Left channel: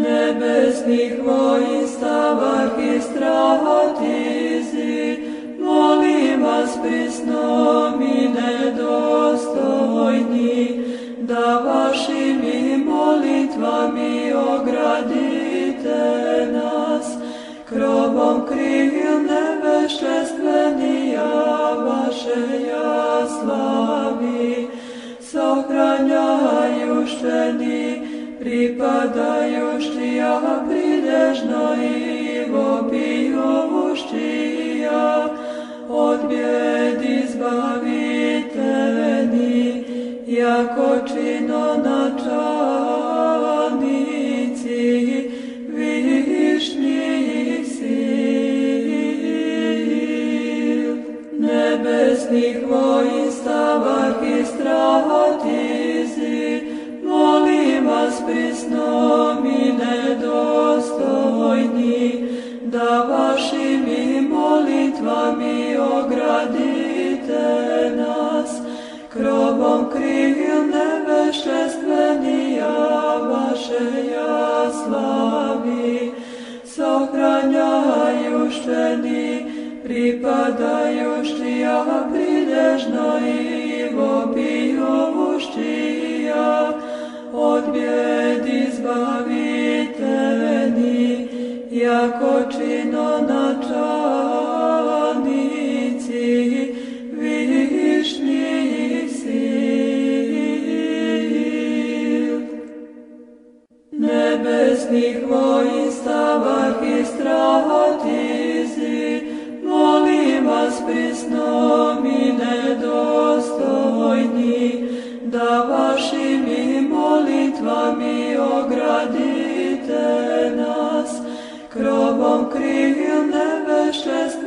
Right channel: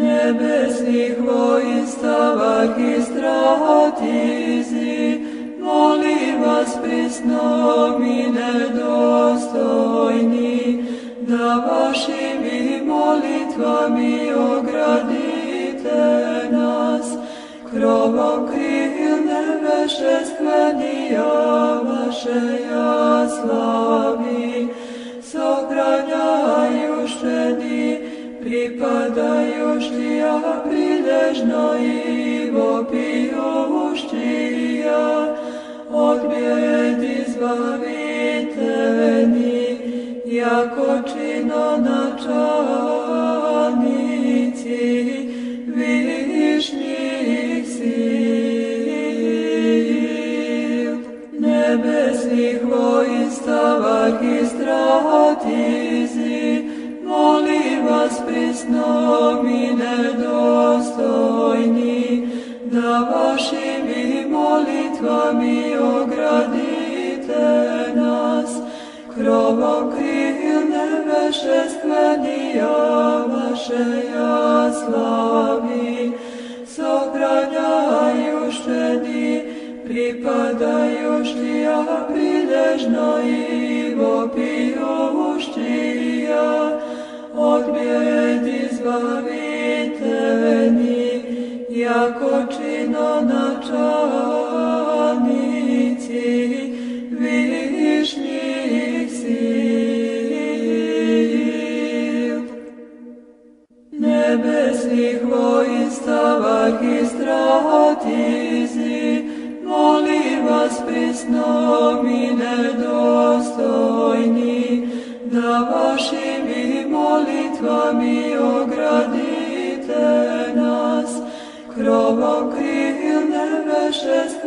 nebesnih voinstava arhistratizi, molim vas prisnom i nedostojni, da vašim molitvami ogradite nas, krovom krilne vešestvenija vaše ja slavi, sohranjajušteni, pripadajuštija pridežno i vopijuštija, od bijed izbaviteni, jako čino načalnici, višnjih sil, nebesnih voinstava arhistratizi, molim vas prisnom i nedostojni, da vašim molitvami ogradite nas, krovom krilne vešestvenija vaše ja slavi, sohranjajušteni, pripadajuštija pridežno i vopijuštija, od bijed izbaviteni, jako čino načalnici, višnjih sil, nebesnih voinstava arhistratizi, molim vas prisnom i nedostojni, da vašim molitvami ogradite nas, krovom krilne vešestvenija